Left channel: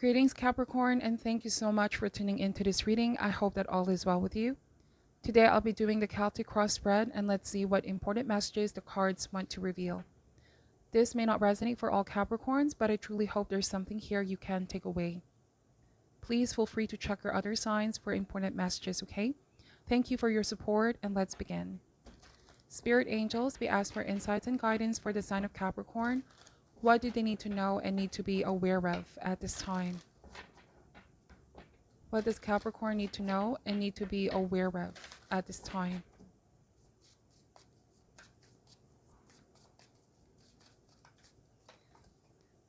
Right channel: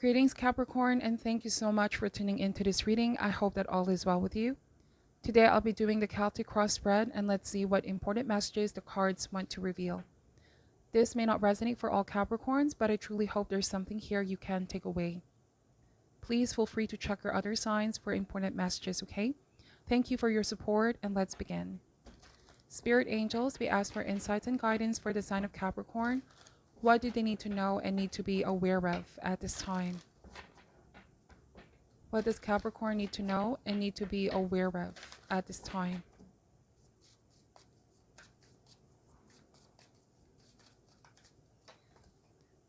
Greetings, Capricorn, and thank you so much for tuning into this reading. I hope that all is well with you. Today, I'll be doing the Celtic cross spread, and let's see what important messages the cards want to reveal. This may not resonate for all Capricorns, but I truly hope there's something here you can take away. Please feel free to check your other signs for important messages, okay? Thank you for your support, and let's begin. Spirit angels, we ask for insights and guidance for the sign of Capricorn. What do they need to know and need to be aware of at this time? What does Capricorn need to know and need to be aware of at this time?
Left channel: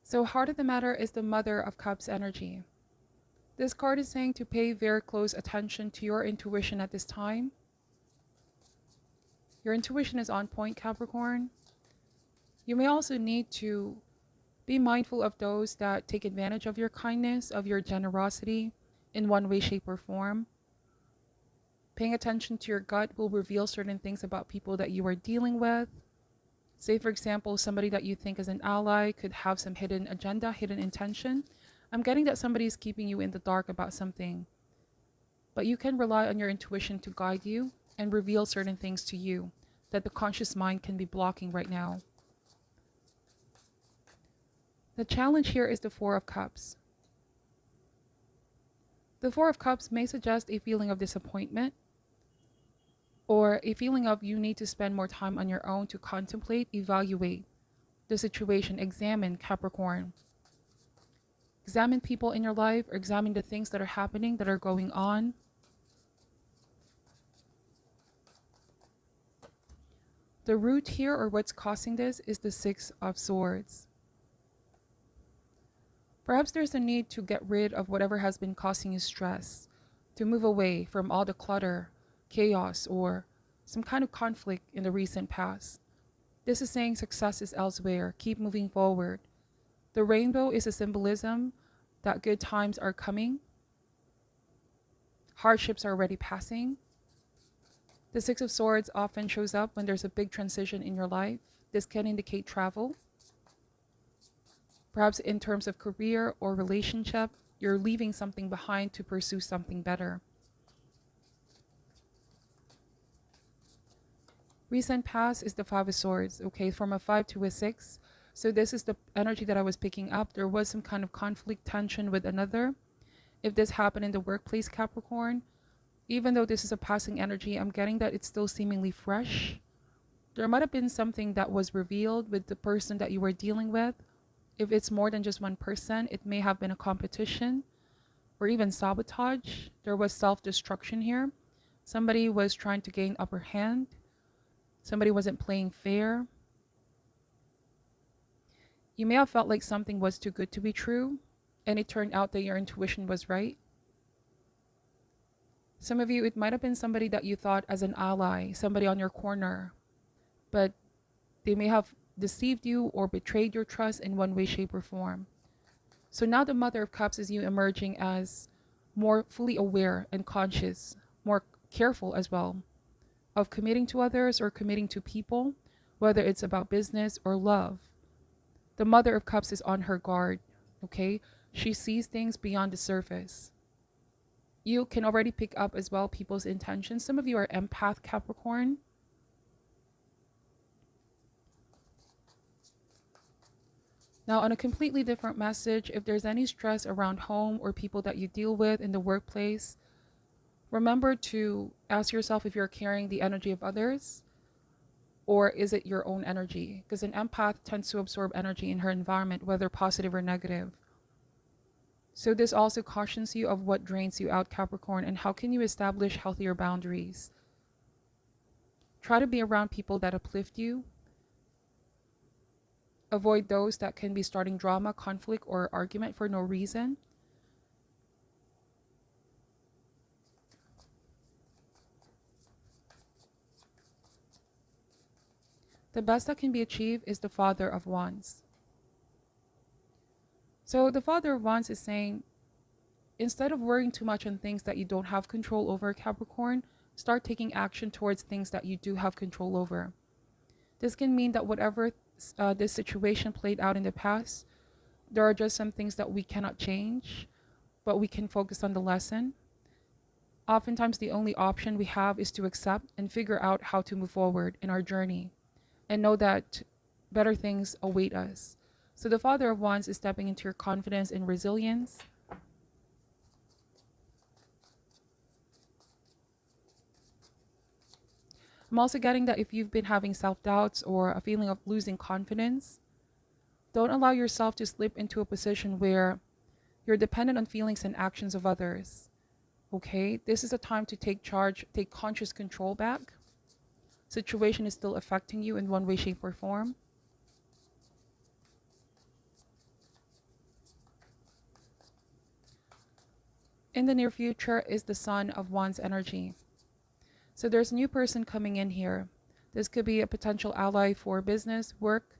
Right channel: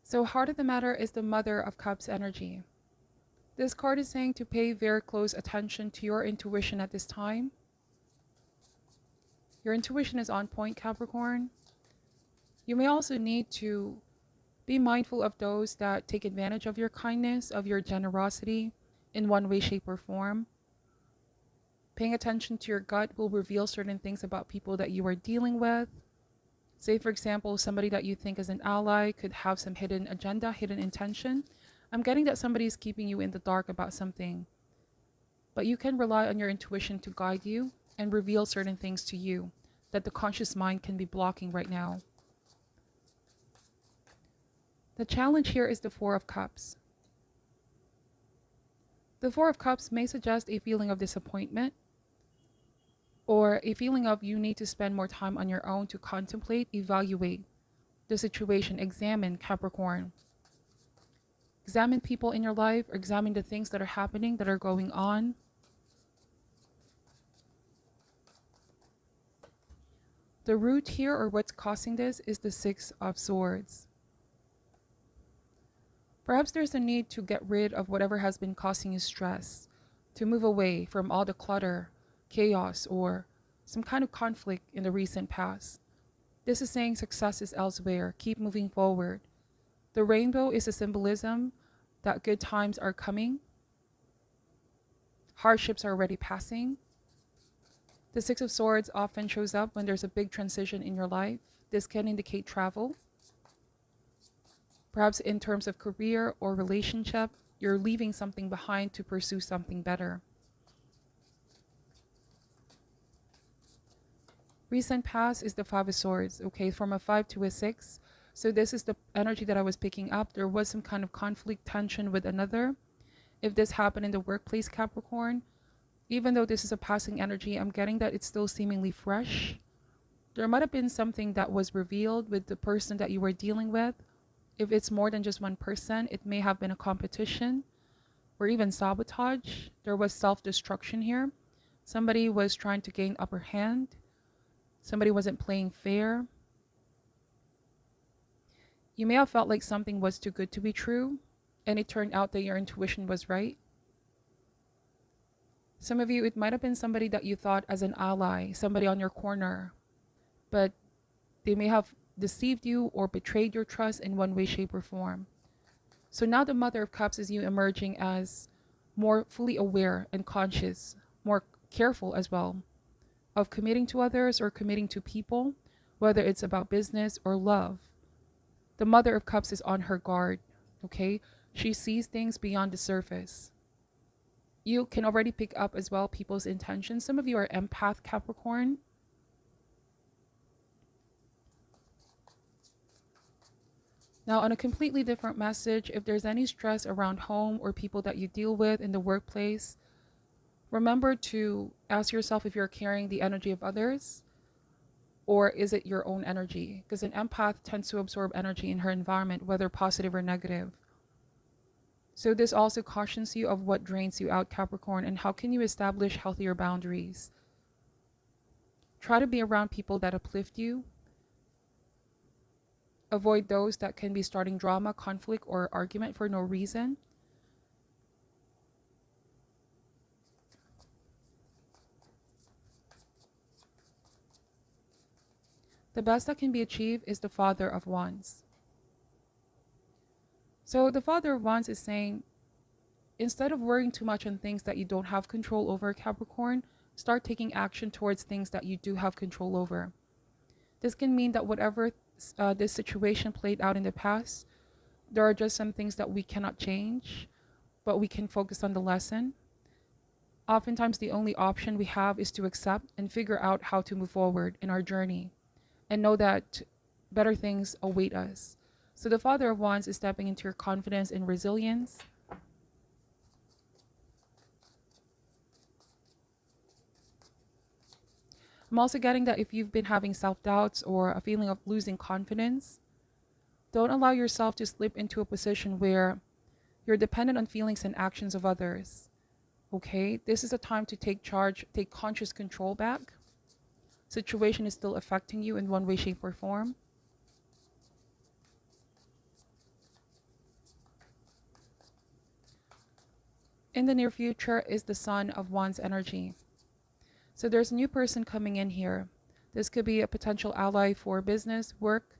So heart of the matter is the Mother of Cups energy. This card is saying to pay very close attention to your intuition at this time. Your intuition is on point, Capricorn. You may also need to be mindful of those that take advantage of your kindness, of your generosity in one way, shape, or form. Paying attention to your gut will reveal certain things about people that you are dealing with. Say, for example, somebody that you think is an ally could have some hidden agenda, hidden intention. I'm getting that somebody is keeping you in the dark about something. But you can rely on your intuition to guide you and reveal certain things to you that the conscious mind can be blocking right now. The challenge here is the Four of Cups. The Four of Cups may suggest a feeling of disappointment or a feeling of you need to spend more time on your own to contemplate, evaluate the situation, examine, Capricorn. Examine people in your life or examine the things that are happening, that are going on. The root here, or what's causing this, is the Six of Swords. Perhaps there's a need to get rid of whatever has been causing you stress, to move away from all the clutter, chaos, or some kind of conflict in the recent past. This is saying success is elsewhere. Keep moving forward. The rainbow is a symbolism that good times are coming. Hardships are already passing. The Six of Swords often shows up when there's a big transition in your life. This can indicate travel. Perhaps in terms of career or relationship, you're leaving something behind to pursue something better. Recent past is the Five of Swords, okay, from a 5 to a 6. So this is the energy that I was picking up. There was some kind of conflict, tension with another. If this happened in the workplace, Capricorn, even though this is a passing energy, I'm getting that it's still seemingly fresh. There might have been something that was revealed with the person that you were dealing with. If it's more than just one person, it may have been a competition or even sabotage. There was self-destruction here. Somebody was trying to gain upper hand. Somebody wasn't playing fair. You may have felt like something was too good to be true, and it turned out that your intuition was right. Some of you, it might have been somebody that you thought as an ally, somebody on your corner, but they may have deceived you or betrayed your trust in one way, shape, or form. So now the Mother of Cups is you emerging as more fully aware and conscious, more careful as well of committing to others or committing to people, whether it's about business or love. The Mother of Cups is on her guard, okay? She sees things beyond the surface. You can already pick up as well people's intentions. Some of you are empath, Capricorn. Now, on a completely different message, if there's any stress around home or people that you deal with in the workplace, remember to ask yourself if you're carrying the energy of others or is it your own energy? Because an empath tends to absorb energy in her environment, whether positive or negative. So this also cautions you of what drains you out, Capricorn, and how can you establish healthier boundaries. Try to be around people that uplift you. Avoid those that can be starting drama, conflict, or argument for no reason. The best that can be achieved is the Father of Wands. So the Father of Wands is saying, instead of worrying too much on things that you don't have control over, Capricorn, start taking action towards things that you do have control over. This can mean that whatever this situation played out in the past, There are just some things that we cannot change, but we can focus on the lesson. Oftentimes, the only option we have is to accept and figure out how to move forward in our journey and know that better things await us. So, the Father of Wands is stepping into your confidence and resilience. I'm also getting that if you've been having self doubts or a feeling of losing confidence, don't allow yourself to slip into a position where you're dependent on feelings and actions of others. Okay, this is a time to take charge, take conscious control back. Situation is still affecting you in one way, shape, or form. In the near future is the Sun of Wands energy. So there's a new person coming in here. This could be a potential ally for business, work,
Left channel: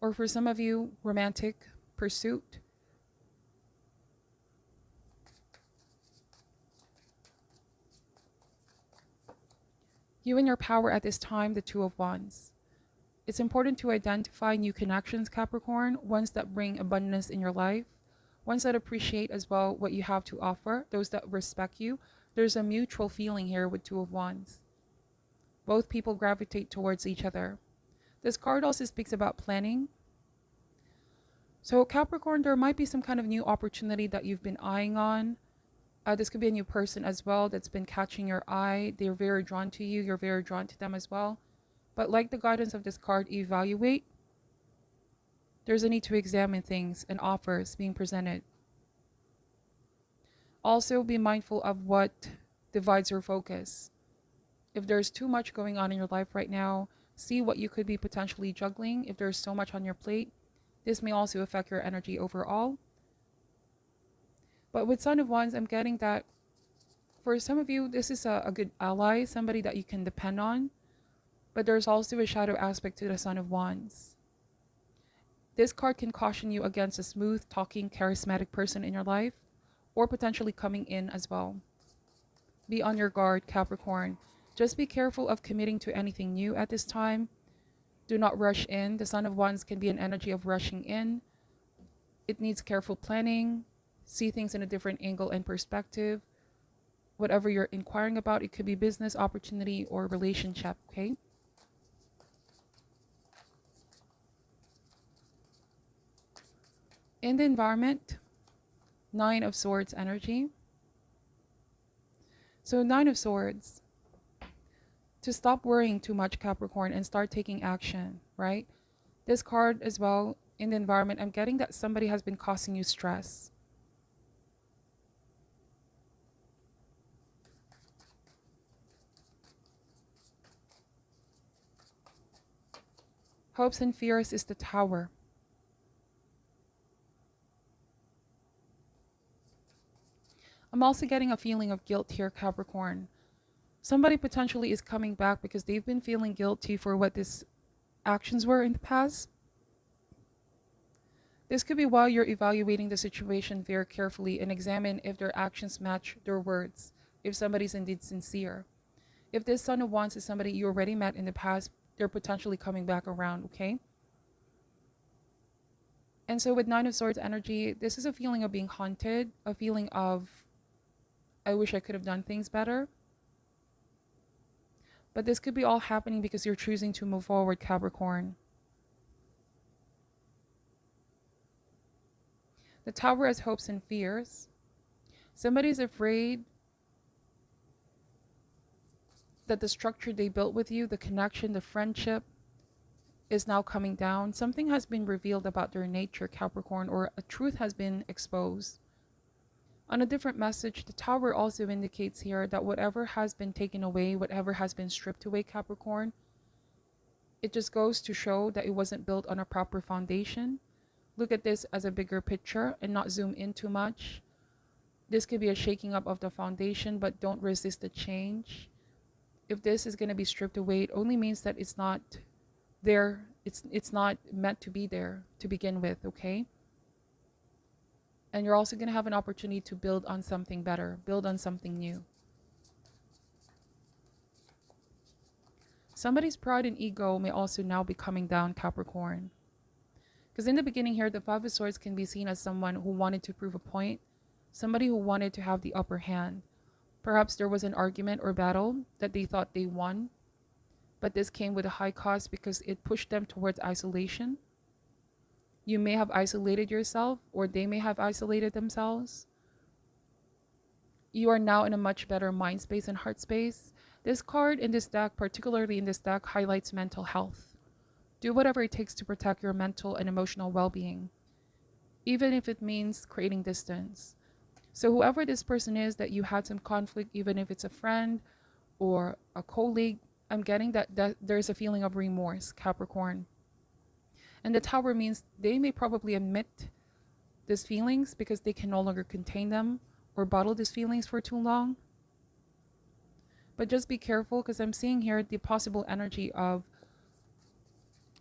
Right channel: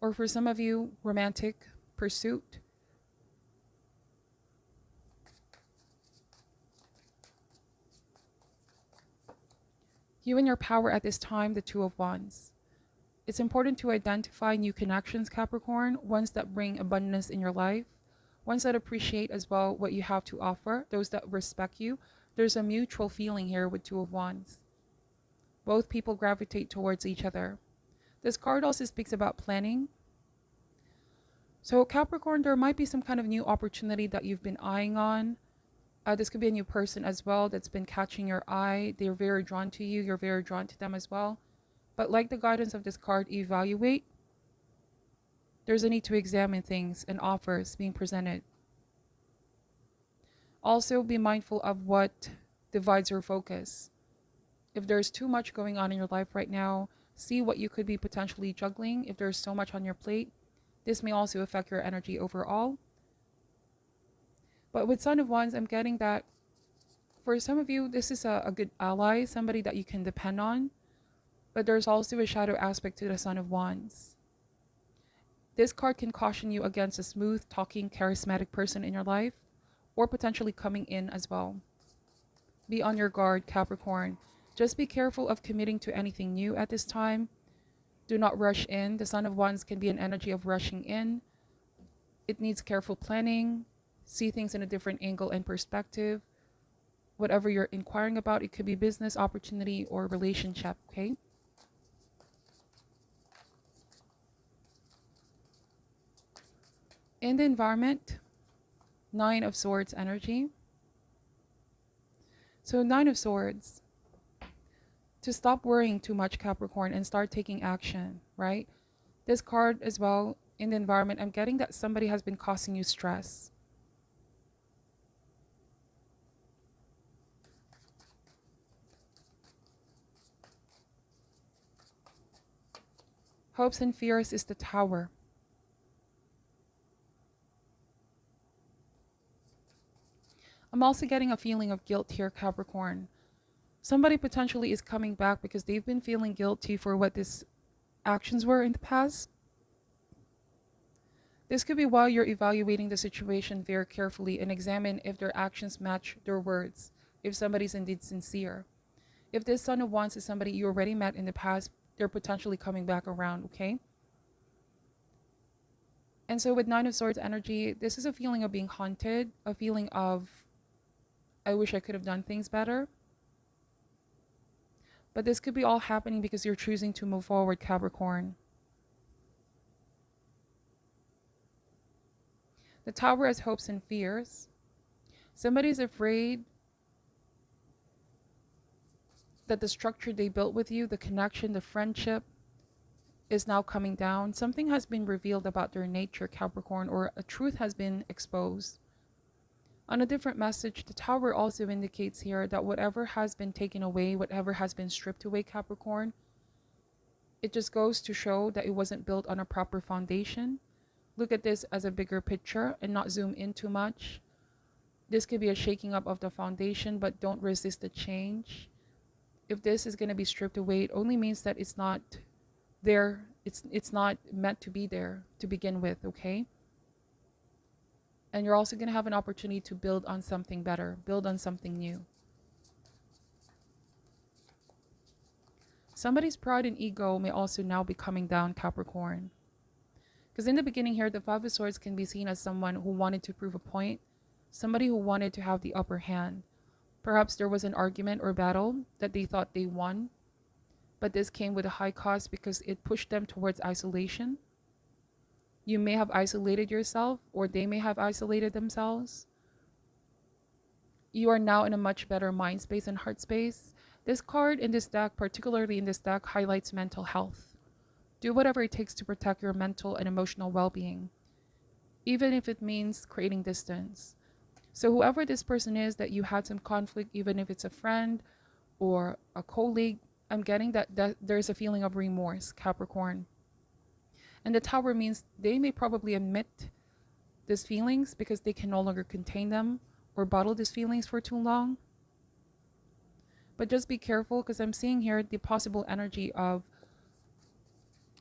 or for some of you, romantic pursuit. You and your power at this time, the Two of Wands. It's important to identify new connections, Capricorn, ones that bring abundance in your life, ones that appreciate as well what you have to offer, those that respect you. There's a mutual feeling here with Two of Wands. Both people gravitate towards each other. This card also speaks about planning. So Capricorn, there might be some kind of new opportunity that you've been eyeing on. This could be a new person as well that's been catching your eye. They're very drawn to you. You're very drawn to them as well. But like the guidance of this card, evaluate. There's a need to examine things and offers being presented. Also, be mindful of what divides your focus. If there's too much going on in your life right now, see what you could be potentially juggling. If there's so much on your plate, this may also affect your energy overall. But with Sun of Wands, I'm getting that for some of you, this is a good ally, somebody that you can depend on. But there's also a shadow aspect to the Sun of Wands. This card can caution you against a smooth, talking, charismatic person in your life, or potentially coming in as well. Be on your guard, Capricorn. Just be careful of committing to anything new at this time. Do not rush in. The Sun of Wands can be an energy of rushing in. It needs careful planning. See things in a different angle and perspective. Whatever you're inquiring about, it could be business opportunity or relationship, okay? In the environment, Nine of Swords energy. So Nine of Swords, to stop worrying too much, Capricorn, and start taking action, right? This card as well, in the environment, I'm getting that somebody has been causing you stress. Hopes and fears is the Tower. I'm also getting a feeling of guilt here, Capricorn. Somebody potentially is coming back because they've been feeling guilty for what these actions were in the past. This could be why you're evaluating the situation very carefully and examine if their actions match their words, if somebody's indeed sincere. If this Sun of Wands is somebody you already met in the past, they're potentially coming back around, okay? And so with Nine of Swords energy, this is a feeling of being haunted, a feeling of, I wish I could have done things better. But this could be all happening because you're choosing to move forward, Capricorn. The Tower has hopes and fears. Somebody's afraid that the structure they built with you, the connection, the friendship, is now coming down. Something has been revealed about their nature, Capricorn, or a truth has been exposed. On a different message, the Tower also indicates here that whatever has been taken away, whatever has been stripped away, Capricorn, it just goes to show that it wasn't built on a proper foundation. Look at this as a bigger picture and not zoom in too much. This could be a shaking up of the foundation, but don't resist the change. If this is going to be stripped away, it only means that it's not there. It's not meant to be there to begin with, okay? And you're also going to have an opportunity to build on something better, build on something new. Somebody's pride and ego may also now be coming down, Capricorn. Because in the beginning here, the Five of Swords can be seen as someone who wanted to prove a point, somebody who wanted to have the upper hand. Perhaps there was an argument or battle that they thought they won, but this came with a high cost because it pushed them towards isolation. You may have isolated yourself, or they may have isolated themselves. You are now in a much better mind space and heart space. This card in this deck, particularly in this deck, highlights mental health. Do whatever it takes to protect your mental and emotional well-being, even if it means creating distance. So whoever this person is that you had some conflict, even if it's a friend or a colleague, I'm getting that there's a feeling of remorse, Capricorn. And the Tower means they may probably admit these feelings because they can no longer contain them or bottle these feelings for too long. But just be careful, because I'm seeing here the possible energy of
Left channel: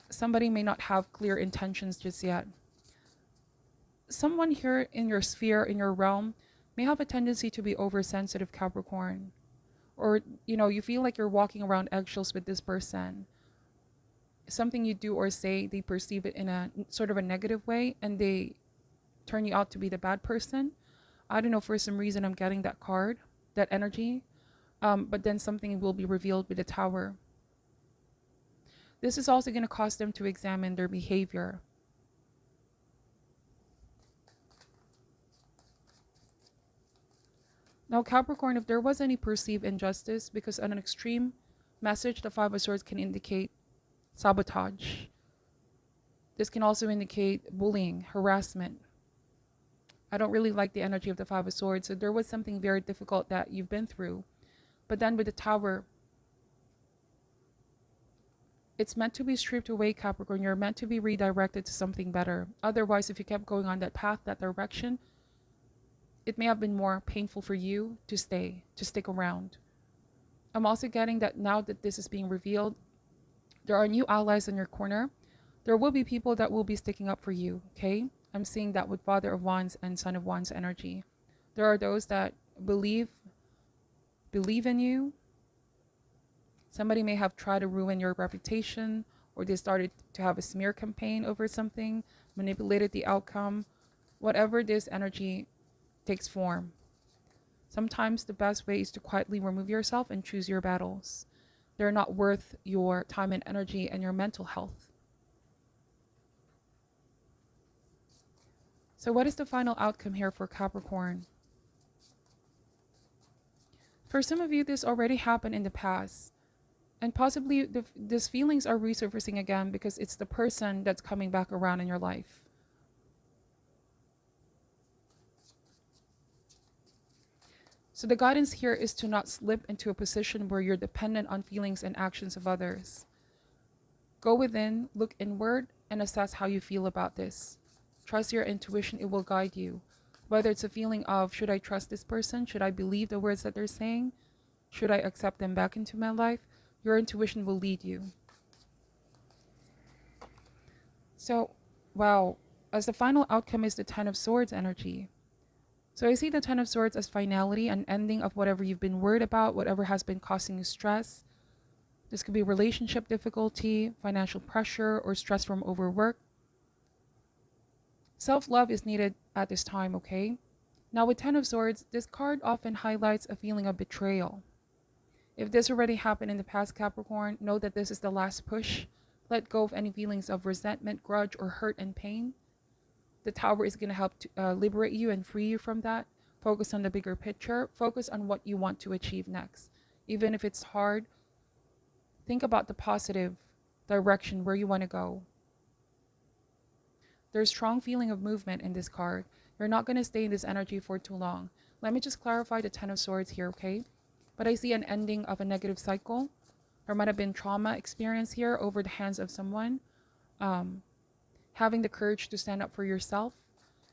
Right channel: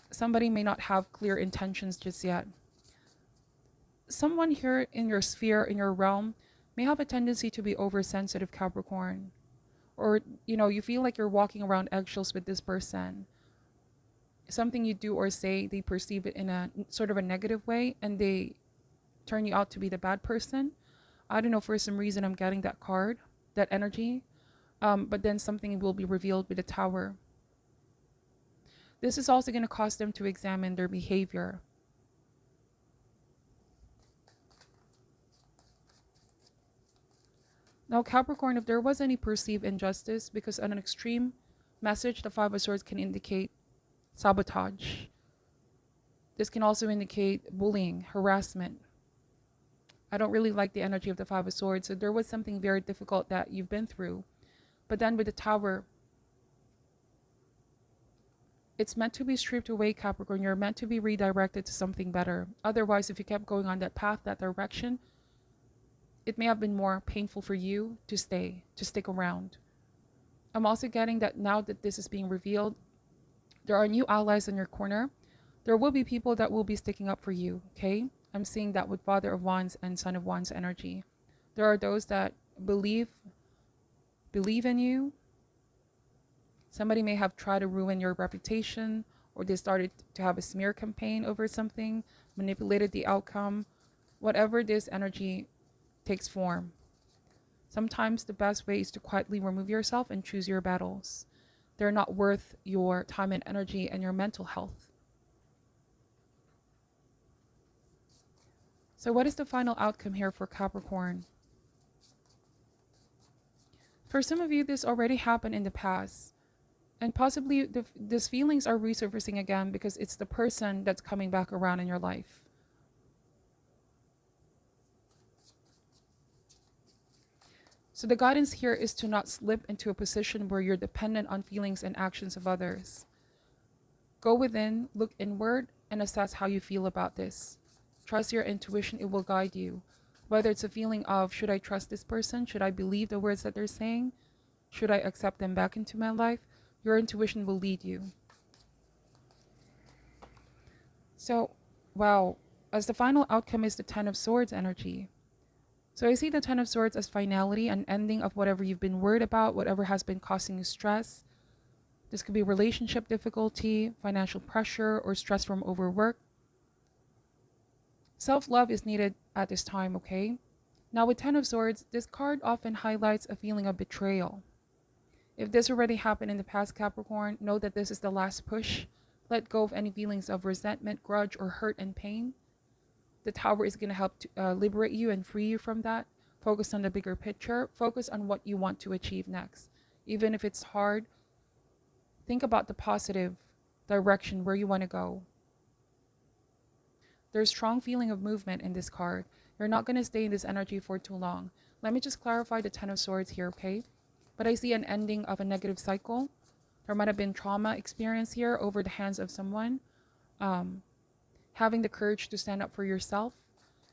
somebody may not have clear intentions just yet. Someone here in your sphere, in your realm, may have a tendency to be oversensitive, Capricorn. Or, you feel like you're walking around eggshells with this person. Something you do or say, they perceive it in a sort of a negative way, and they turn you out to be the bad person. I don't know, for some reason I'm getting that card, that energy. But then something will be revealed with the Tower. This is also going to cause them to examine their behavior. Now, Capricorn, if there was any perceived injustice, because on an extreme message, the Five of Swords can indicate sabotage. This can also indicate bullying, harassment. I don't really like the energy of the Five of Swords, so there was something very difficult that you've been through. But then with the Tower, it's meant to be stripped away, Capricorn. You're meant to be redirected to something better. Otherwise, if you kept going on that path, that direction, it may have been more painful for you to stick around. I'm also getting that now that this is being revealed, there are new allies in your corner. There will be people that will be sticking up for you, okay? I'm seeing that with Father of Wands and Son of Wands energy. There are those that believe in you. Somebody may have tried to ruin your reputation, or they started to have a smear campaign over something, manipulated the outcome. Whatever this energy takes form. Sometimes the best way is to quietly remove yourself and choose your battles. They're not worth your time and energy and your mental health. So what is the final outcome here for Capricorn? For some of you, this already happened in the past. And possibly these feelings are resurfacing again because it's the person that's coming back around in your life. So the guidance here is to not slip into a position where you're dependent on feelings and actions of others. Go within, look inward, and assess how you feel about this. Trust your intuition, it will guide you. Whether it's a feeling of, should I trust this person? Should I believe the words that they're saying? Should I accept them back into my life? Your intuition will lead you. So, wow, as the final outcome is the Ten of Swords energy. So I see the Ten of Swords as finality, an ending of whatever you've been worried about, whatever has been causing you stress. This could be relationship difficulty, financial pressure, or stress from overwork. Self-love is needed at this time, okay? Now with Ten of Swords, this card often highlights a feeling of betrayal. If this already happened in the past, Capricorn, know that this is the last push. Let go of any feelings of resentment, grudge, or hurt and pain. The Tower is going to help to liberate you and free you from that. Focus on the bigger picture. Focus on what you want to achieve next. Even if it's hard, think about the positive direction where you want to go. There's strong feeling of movement in this card. You're not going to stay in this energy for too long. Let me just clarify the Ten of Swords here, okay? But I see an ending of a negative cycle. There might have been trauma experience here over the hands of someone. Having the courage to stand up for yourself.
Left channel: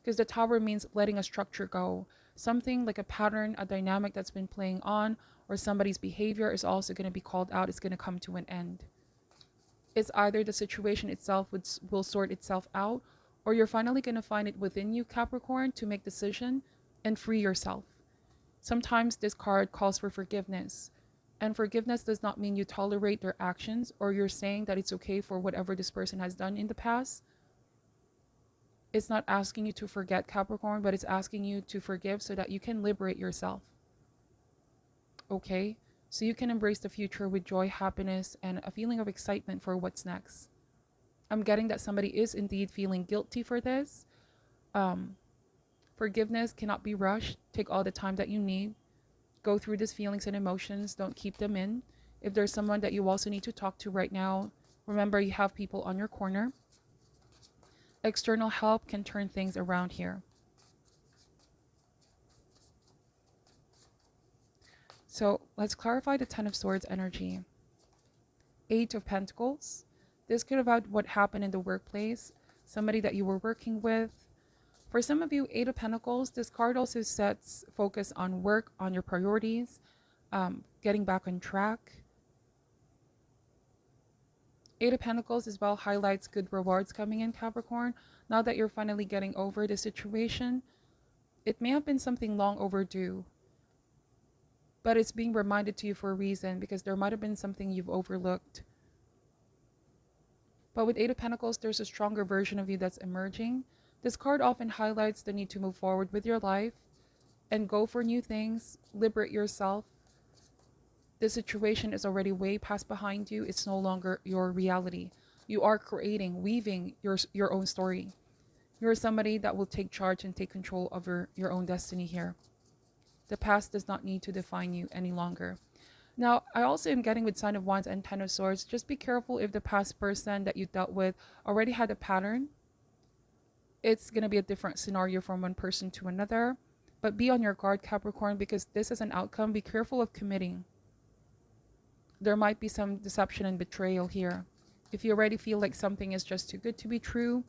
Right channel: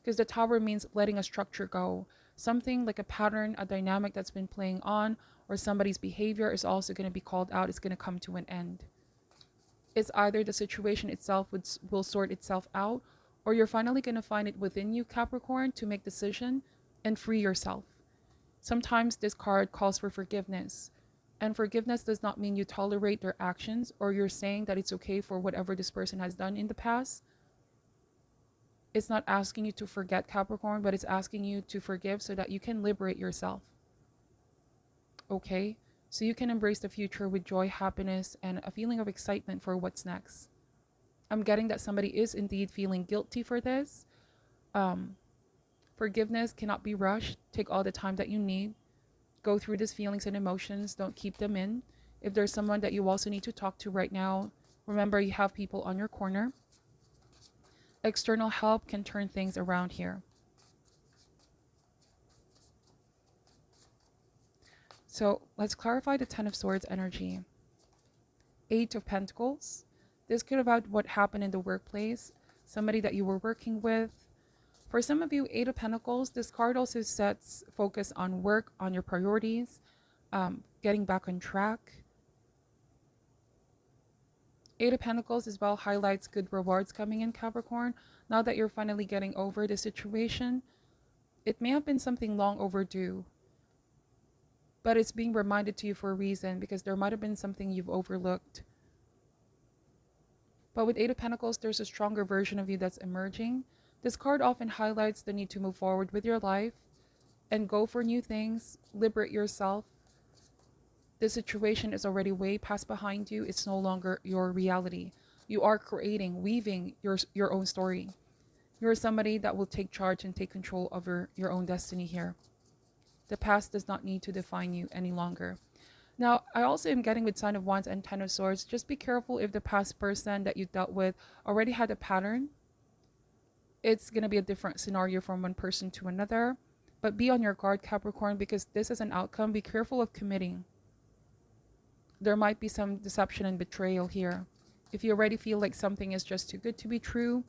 Because the Tower means letting a structure go. Something like a pattern, a dynamic that's been playing on, or somebody's behavior is also going to be called out. It's going to come to an end. It's either the situation itself will sort itself out, or you're finally going to find it within you, Capricorn, to make decision and free yourself. Sometimes this card calls for forgiveness. And forgiveness does not mean you tolerate their actions or you're saying that it's okay for whatever this person has done in the past. It's not asking you to forget, Capricorn, but it's asking you to forgive so that you can liberate yourself. Okay? So you can embrace the future with joy, happiness, and a feeling of excitement for what's next. I'm getting that somebody is indeed feeling guilty for this. Um, Forgiveness cannot be rushed. Take all the time that you need. Go through these feelings and emotions. Don't keep them in. If there's someone that you also need to talk to right now, remember you have people on your corner. External help can turn things around here. So let's clarify the Ten of Swords energy. Eight of Pentacles. This could about what happened in the workplace. Somebody that you were working with. For some of you, Eight of Pentacles, this card also sets focus on work, on your priorities, getting back on track. Eight of Pentacles as well highlights good rewards coming in, Capricorn. Now that you're finally getting over the situation, it may have been something long overdue, but it's being reminded to you for a reason, because there might have been something you've overlooked. But with Eight of Pentacles, there's a stronger version of you that's emerging. This card often highlights the need to move forward with your life and go for new things, liberate yourself. The situation is already way past behind you. It's no longer your reality. You are creating, weaving your own story. You're somebody that will take charge and take control over your own destiny here. The past does not need to define you any longer. Now, I also am getting with Sign of Wands and Ten of Swords. Just be careful if the past person that you dealt with already had a pattern. It's going to be a different scenario from one person to another. But be on your guard, Capricorn, because this is an outcome. Be careful of committing. There might be some deception and betrayal here. If you already feel like something is just too good to be true,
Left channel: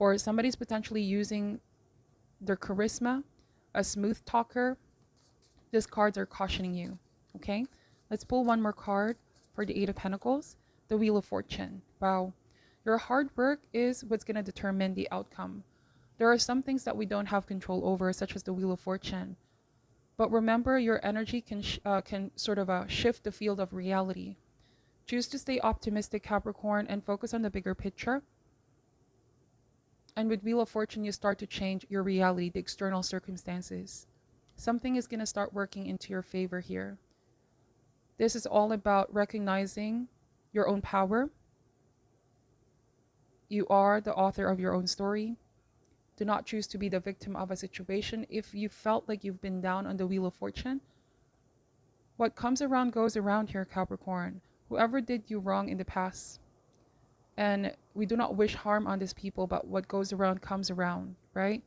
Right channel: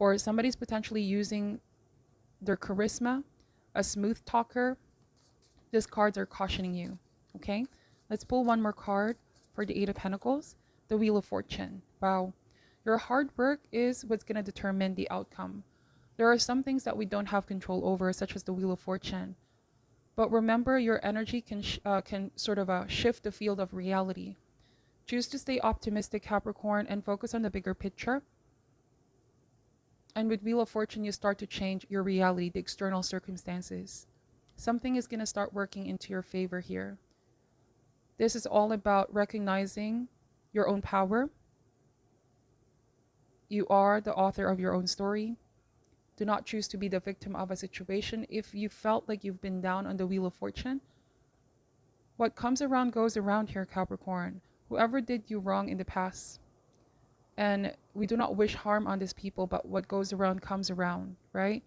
or somebody's potentially using their charisma, a smooth talker, these cards are cautioning you. Okay, let's pull one more card for the Eight of Pentacles, the Wheel of Fortune. Wow, your hard work is what's going to determine the outcome. There are some things that we don't have control over, such as the Wheel of Fortune. But remember, your energy can sort of shift the field of reality. Choose to stay optimistic, Capricorn, and focus on the bigger picture. And with Wheel of Fortune, you start to change your reality, the external circumstances. Something is going to start working into your favor here. This is all about recognizing your own power. You are the author of your own story. Do not choose to be the victim of a situation. If you felt like you've been down on the Wheel of Fortune, what comes around goes around here, Capricorn. Whoever did you wrong in the past, and we do not wish harm on these people, but what goes around comes around, right?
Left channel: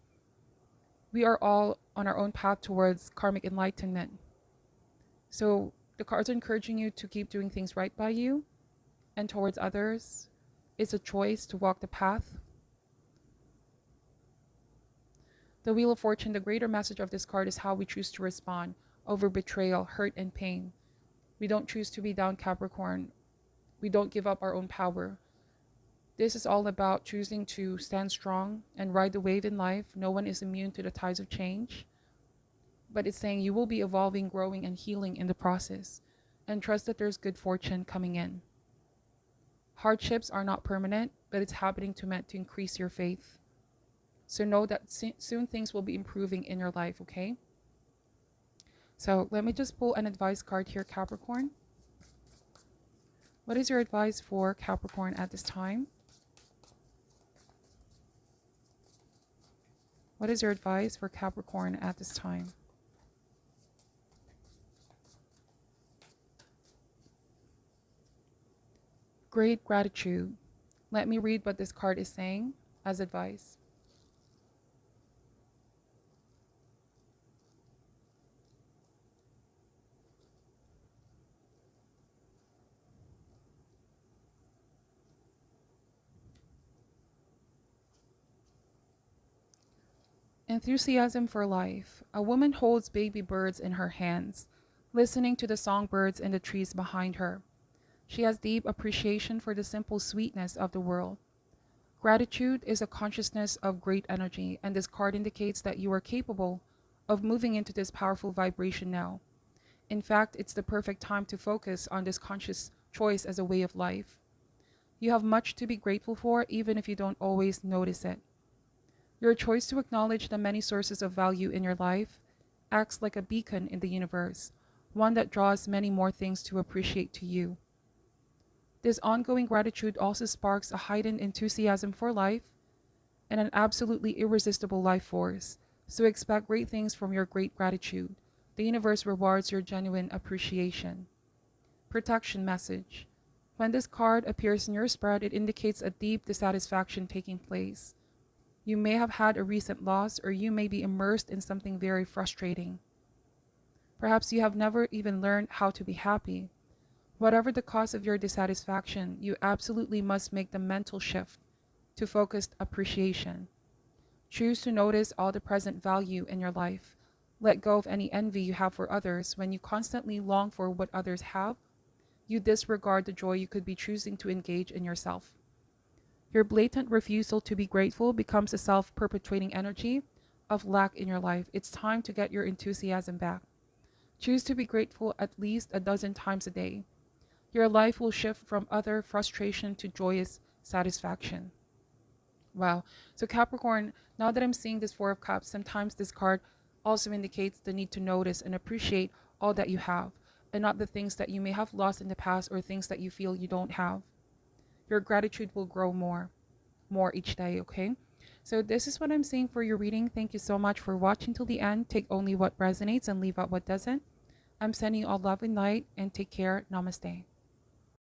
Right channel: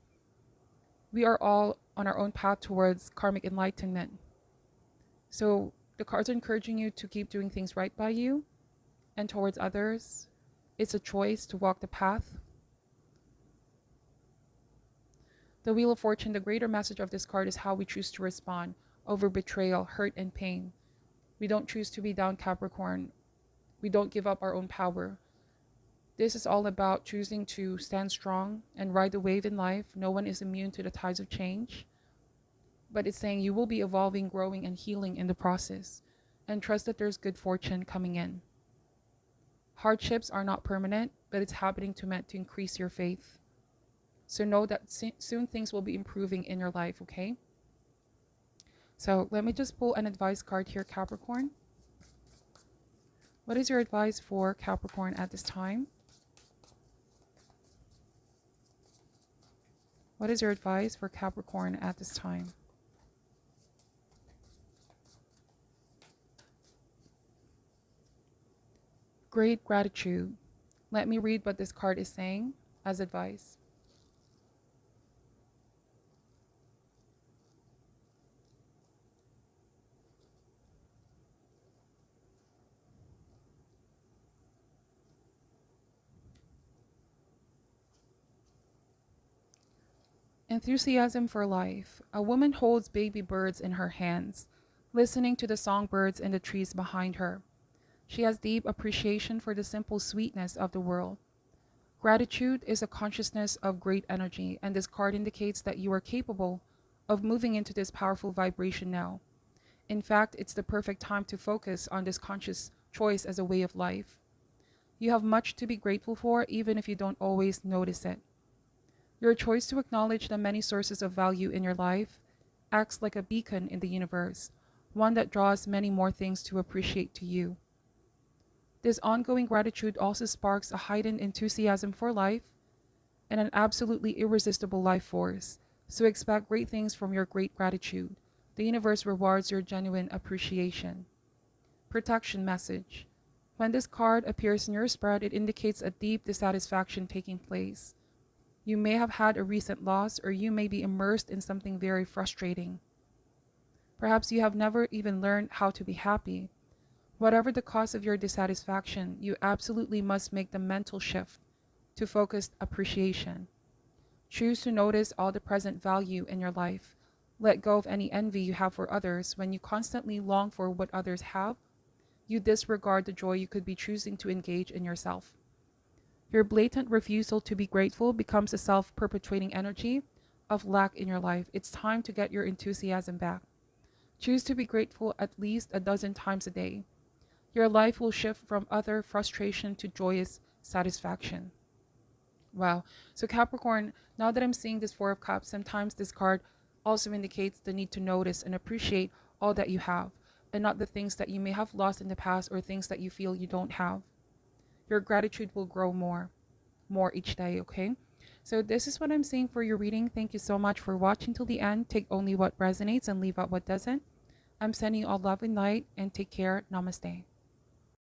We are all on our own path towards karmic enlightenment. So the cards are encouraging you to keep doing things right by you and towards others. It's a choice to walk the path. The Wheel of Fortune, the greater message of this card is how we choose to respond over betrayal, hurt, and pain. We don't choose to be down, Capricorn. We don't give up our own power. This is all about choosing to stand strong and ride the wave in life. No one is immune to the tides of change. But it's saying you will be evolving, growing, and healing in the process. And trust that there's good fortune coming in. Hardships are not permanent, but it's happening meant to increase your faith. So know that soon things will be improving in your life, okay? So let me just pull an advice card here, Capricorn. What is your advice for Capricorn at this time? What is your advice for Capricorn at this time? Great gratitude. Let me read what this card is saying as advice. Enthusiasm for life. A woman holds baby birds in her hands, listening to the songbirds in the trees behind her. She has deep appreciation for the simple sweetness of the world. Gratitude is a consciousness of great energy, and this card indicates that you are capable of moving into this powerful vibration now. In fact, it's the perfect time to focus on this conscious choice as a way of life. You have much to be grateful for, even if you don't always notice it. Your choice to acknowledge the many sources of value in your life acts like a beacon in the universe, one that draws many more things to appreciate to you. This ongoing gratitude also sparks a heightened enthusiasm for life and an absolutely irresistible life force. So expect great things from your great gratitude. The universe rewards your genuine appreciation. Protection message. When this card appears in your spread, it indicates a deep dissatisfaction taking place. You may have had a recent loss, or you may be immersed in something very frustrating. Perhaps you have never even learned how to be happy. Whatever the cause of your dissatisfaction, you absolutely must make the mental shift to focused appreciation. Choose to notice all the present value in your life. Let go of any envy you have for others. When you constantly long for what others have, you disregard the joy you could be choosing to engage in yourself. Your blatant refusal to be grateful becomes a self-perpetuating energy of lack in your life. It's time to get your enthusiasm back. Choose to be grateful at least a dozen times a day. Your life will shift from utter frustration to joyous satisfaction. Wow. So Capricorn, now that I'm seeing this Four of Cups, sometimes this card also indicates the need to notice and appreciate all that you have, and not the things that you may have lost in the past or things that you feel you don't have. Your gratitude will grow more each day, okay? So this is what I'm saying for your reading. Thank you so much for watching till the end. Take only what resonates and leave out what doesn't. I'm sending you all love and light, and take care. Namaste.